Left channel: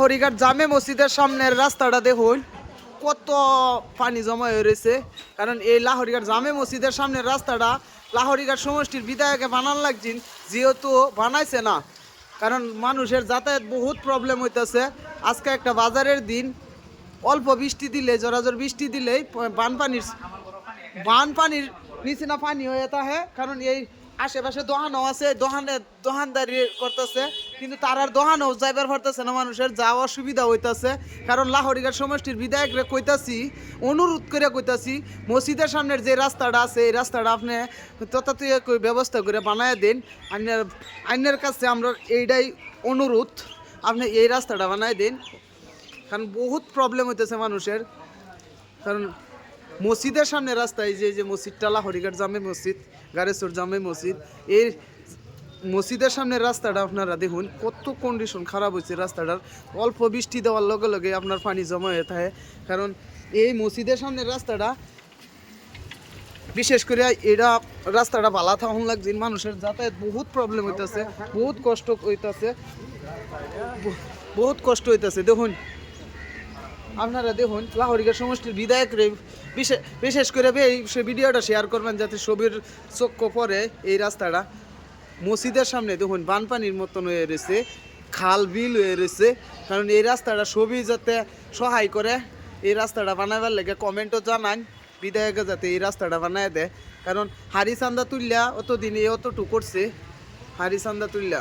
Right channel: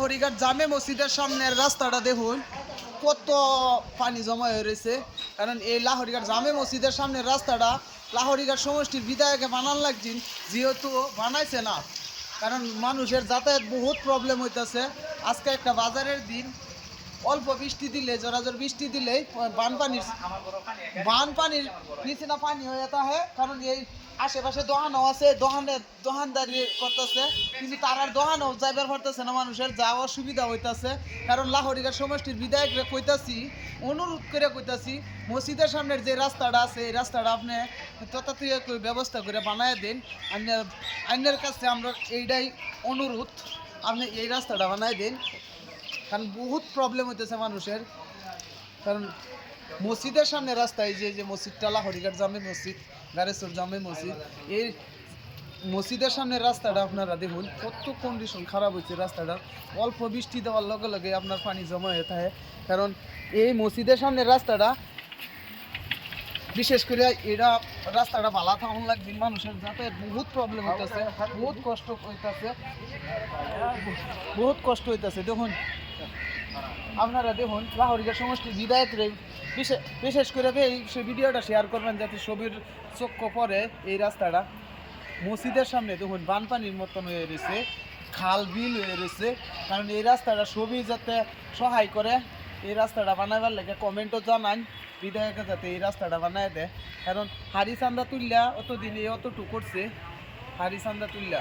হরিঘাট জামে মসজিদের সামনের রাস্তাটা দেখুন কত পানি জমা হয়ে রয়েছে। কারণ এই লাহরিঘাট জামে মসজিদের সামনের রাস্তাটা লাহরিঘাট সমষ্টির বিধায়কে বানান লাগছেন, যেহেতু বানাইছে না, কারণ মানুষের যাতায়াত বহুত প্রবলেম হইতেছে। আজকে একটা বাজারের দিন, অল্প বৃষ্টি দিলে, জোরাজোর বৃষ্টি দিলেই বানপানির নিচে না পানি হয়ে থাকে। কারণ এই আশেপাশে দোকানও আছে, দোকানদারি করতেছে, কিন্তু তার দোকানও যাইবার পারতেছে না, মানুষের যাওয়া সুবিধা হইতেছে। কারণ লাহরিঘাট সমষ্টির বিধায়করে কইতাছি, অনুরোধ করে কইতাছি, মসজিদের সামনের যে রাস্তাটা আছে এই রাস্তাটা আপনি তথাৎ ব্যবস্থা করে বানায় দিন। আইনের কাছে আমরা এইটাই অনুরোধ, আপনি এই রাস্তাটা বানায় দিন। কারণ বহুত প্রবলেম হইতেছে মানুষের। কারণ মসজিদের সামনে রাস্তায় যে মসজিদটা লাহরিঘাট জামে মসজিদ, গারেশ্বর জামে মসজিদ, এই মসজিদের সামনের রাস্তাটা আপনারা দেখুন কত কন্ডিশন খারাপ হয়েছে রাস্তাটার। অল্প বৃষ্টি দেওয়ার লগে লগে আপনার পানি জমা হয়ে থাকে। কারণ এই মসজিদের সামনের রাস্তাটা বিশেষ করে এটা রাস্তাটা ভালো থাকুন লাগছে, মানুষের যাতায়াত বহুত প্রবলেম হইতেছে, বহুত কষ্ট হইতেছে। দেখুন আপনারা দেখুন লাহরিঘাট সমষ্টির বিধায়করে বিশেষ করে সে ভিডিওটা শেয়ার করবেন, যাতে ছবির চক্ষ পরে এই রাস্তাটা মসজিদের সামনে দেখুন বানপানির মতন হয়ে রয়েছে, খাল বিল হয়ে রয়েছে। কারণ এই রাস্তাটা ছবি যাতে সহায় করে, এই রাস্তাটা বানাবার লেগে কমেন্টও জানান বিধায়কে যাতে এই রাস্তাটা বানায় দেয়। কারণ হারি চান্দা তুললা অতদিনে অতটুকু করছে, হারি চান্দা তুললা।